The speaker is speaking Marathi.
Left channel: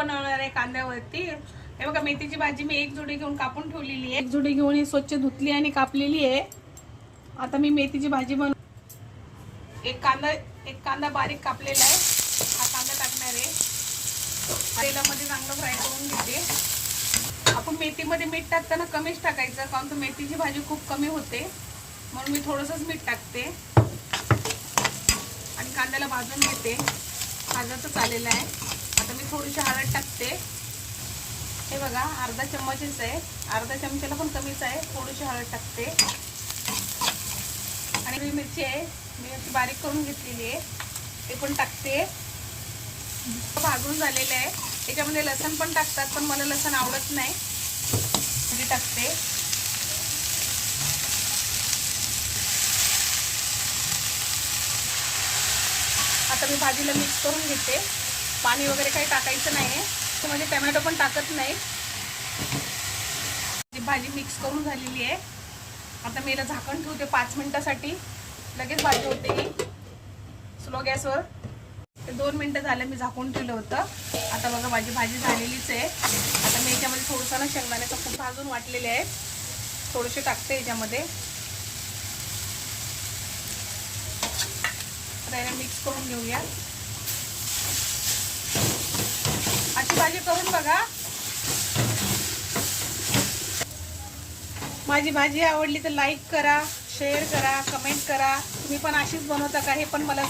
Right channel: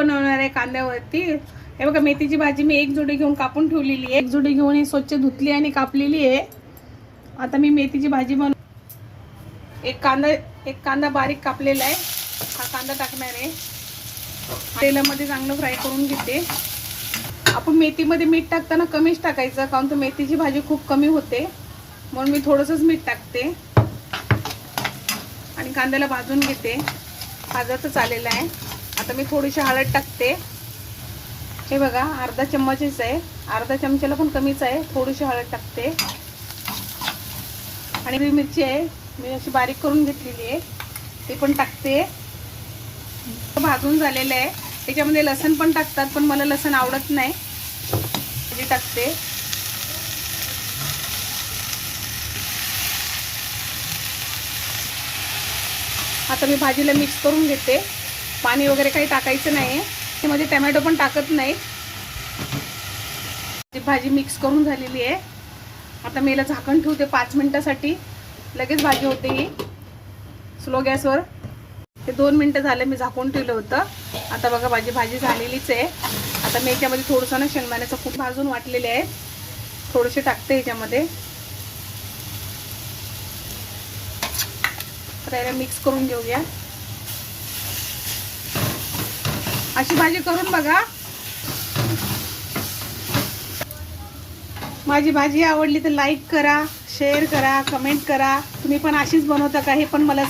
बनवणार आहे कांद्यावरती। हे बघा मेथीची भाजी मी एक जोडी घेऊन कापून ठेवलेली आहे। एक जोडी घेऊन ही स्वच्छ धुतली आणि कापलेली आहे। आता मी मेथीची भाजी एक कांदा बारीक कापलेला आहे। हा कांदा टाकणार आहे। तेलामध्ये चांगलं फ्राय करून घेते। आपण मेथीमध्ये मीठ टाकताना कमीच टाकायचं, कारण तर मेथीची भाजी खूप कमी होते, म्हणून मी थोडंसंच मीठ टाकते आणि कांद्याला भाजून घेते। भाजायचं चालेलं आहे। आता मी थोडीशी हळद टाकते। हे बघा अर्धा चम्मचच आहे, अर्धा चमच्याला पण कमीच आहे। थोडीशी हळद टाकते आणि हिरवी मिरची आहे मी अशी बारीक करून घेतलेली आहे, ते पण टाकते। भाजून झालेलं आहे। त्याच्यामध्ये लसण पण टाकतात, पण मला लसण आवडत नाही, मी टाकते। आता मी भाजीला मिक्स करून घेते। पाणी वगैरे काही टाकायचं नाही, त्यामध्ये टोमॅटो पण टाकत नाही। भाजी मिक्स करून झालेली आहे। आता मी याला झाकण ठेवते 5 मिनिटासाठी, लगेच भाजी होते ही स्लो गॅसवर। ते 2 मिनिटं झाले मी झाकून ठेवलं होतं। आता बघा भाजी झालेलीच आहे। आता मी याच्यामध्ये थोडंसं ना शेंगदाण्याचं कूट भाजून वाटलेले आहे, थोडेसे टाकते याच्यामध्ये। आता याला मिक्स करून घेऊया। अशी भाजी करून बघा। माझी भाजी आवडली तर लाईक करा, शेअर करा, कमेंट करा। तुम्ही पण अशीच बनवता का हे पण मला सांगा।